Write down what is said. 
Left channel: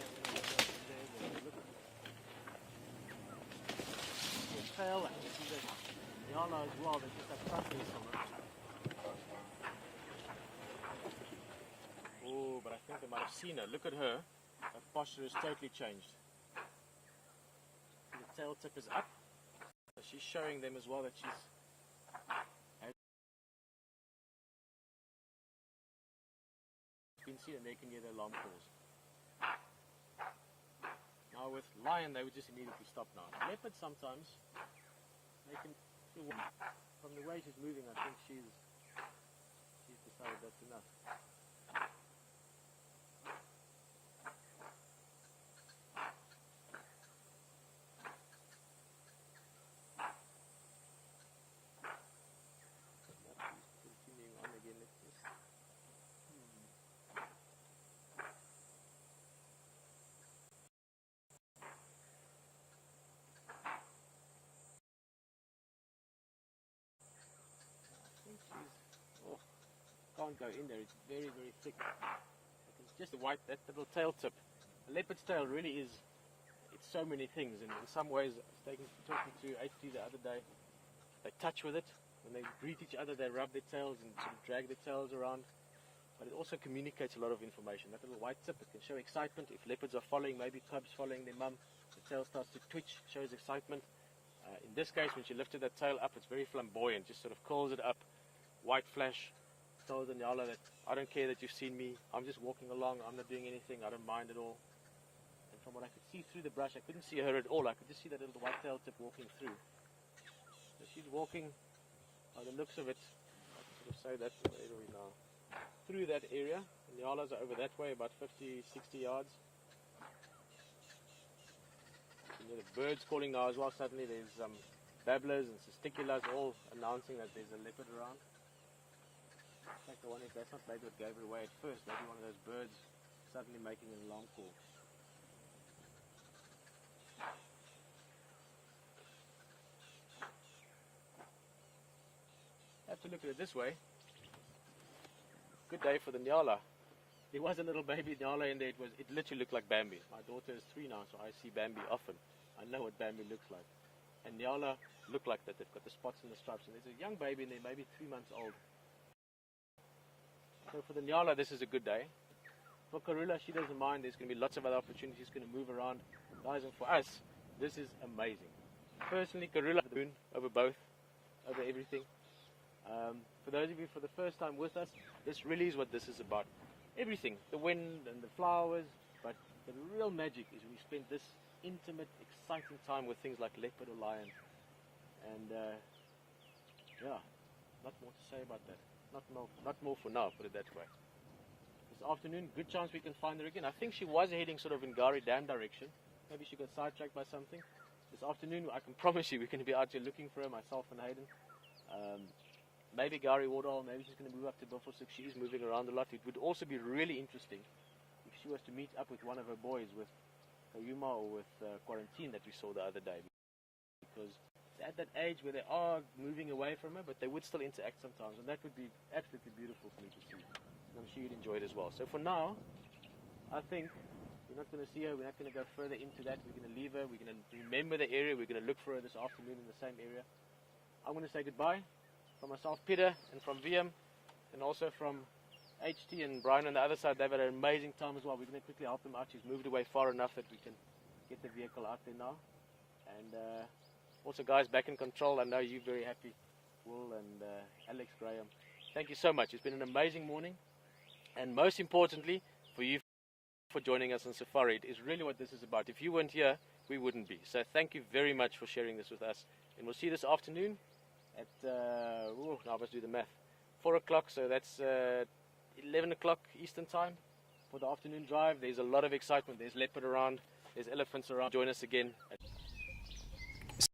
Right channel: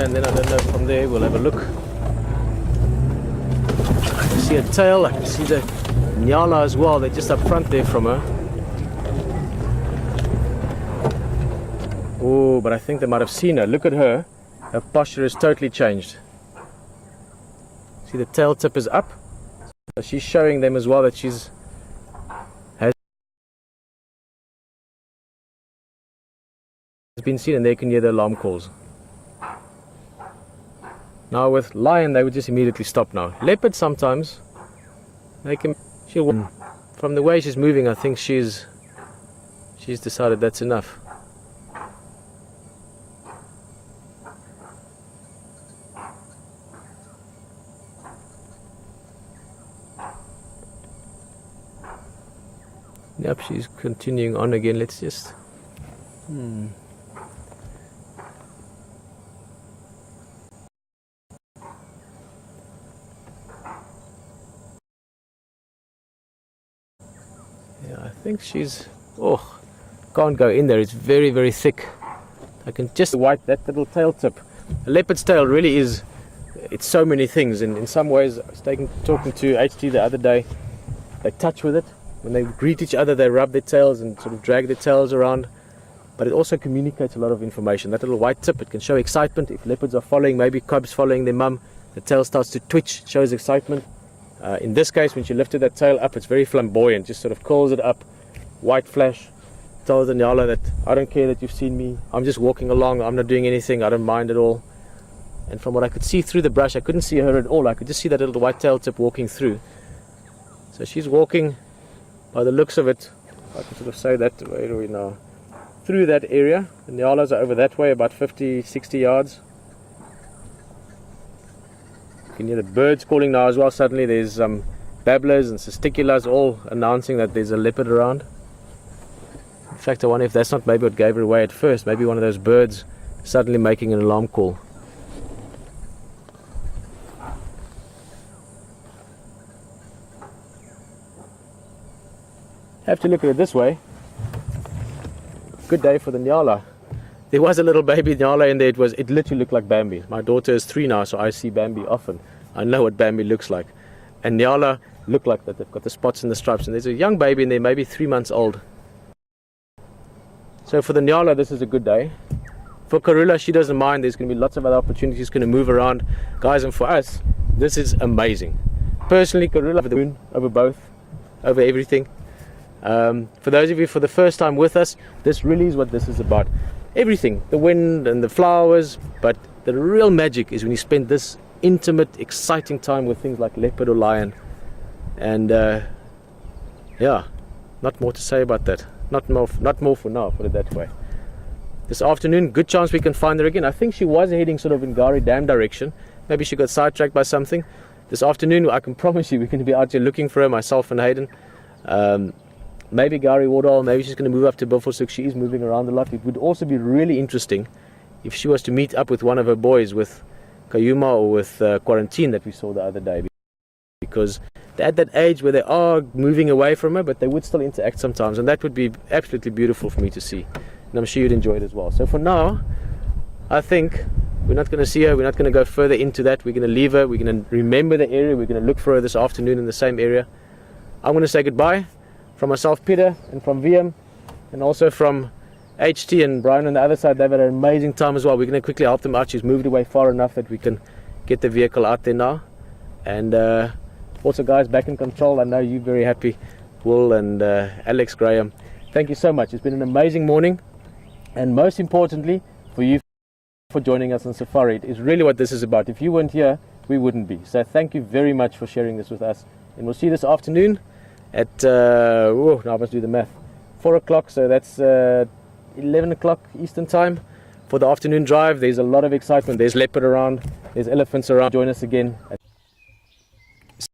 area, and then I don't know, from there we'll have a look. I can see a tail, I can see the Nyala as well. They're just up front there from her. Oh, but I think they might have seen her. Look at her. Her posture has totally changed. See, the tail tip is up. So she's showing them as well that she's has been seen, and they can hear the alarm calls. Now with lion, they would just immediately stop now. Leopard sometimes, they can. From the way she's moving, I think she's decided that's enough. Yep, she's continuing on again. Let's just. Yeah, I think she's. Oh, can't go in there. It's very, very thick. I can just wipe that little tail tip. A leopard's tail really is. It's so many things, and in some ways, I was talking to HT the other day. They touch with it. When they greet each other, they rub their tails and sort of drag their tails around. But it also communicates a lot of information. That little white tip, it can show excitement. If leopards are following, maybe cubs following their mum, the tail starts to twitch, shows excitement. In this case, when she lifted that tail up, it's very flamboyant, just sort of curls it up, white flash, tells the Nyala that I don't care that you've seen me, I'm just walking along, I'm not doing anything, I don't mind at all. And from what I could see through the brush, I couldn't see her at all. I could just see that little white tail tip walking through. So she's walking. By the looks of it, I can sort of say that, where are we now? Through that area. The Nyalas are over that way, about 50, 60 yards. You can hear the birds calling now as well. Suddenly there's babblers and testiculars all announcing that there's a leopard around. In fact, I wonder if that's not maybe what gave her away at first. Maybe one of those birds suddenly making an alarm call. Have to look at it this way. Good day for the Nyala. There was a little baby Nyala in there. It literally looked like Bambi. My daughter is 3 now, so I see Bambi often. I know what Bambi looks like. And Nyala look like that. They've got the spots and the stripes. And there's a young baby in there, maybe 3 months old. So for the Nyala, this is a good day. For Karula, she doesn't mind. There's going to be lots of other opportunities. She's going to move around. Guys, and for us, this is amazing. Personally, Karula over the moon, over both, over everything. For those of you for the first time with us, this really is what this is about. Everything, the wind and the flowers, but the real magic is when you spend this intimate, exciting time with things like leopard or lion. And yeah, not more to say about that. Not more for now, put it that way. This afternoon, good chance we can find her again. I think she was heading sort of in Gari Dam direction. Maybe she got sidetracked by something. This afternoon, I can promise you we're going to be out here looking for her, myself and Hayden. Maybe Gari Wardall, maybe she's going to move up to Buffelshoek. She is moving around a lot. It would also be really interesting if she was to meet up with one of her boys, with Kayuma or with Quarantine that we saw the other day. Because they're at that age where they are moving away from her, but they would still interact sometimes. And that would be absolutely beautiful for me to see. And I'm sure you'd enjoy it as well. So for now, I think we're not going to see her. We're not going to go further into that. We're going to leave her. We're going to remember the area. We're going to look for her this afternoon in the same area. I'm going to say goodbye. From myself, Peter, and from VM, and also from HT and Brian on the other side. They've had an amazing time as well. We're going to quickly help them out. She's moved away far enough that we can get the vehicle out there now. And also, guys, back in control. I know you're very happy, Will and Alex Graham. Thank you so much. It's been an amazing morning, and most importantly, for you for joining us on safari. It is really what this is about. If you weren't here, we wouldn't be. So thank you very much for sharing this with us, and we'll see you this afternoon at, now I must do the math, 4 o'clock, so that's 11 o'clock Eastern time for the afternoon drive. There's a lot of excitement. There's leopard around, there's elephants around. Join us again at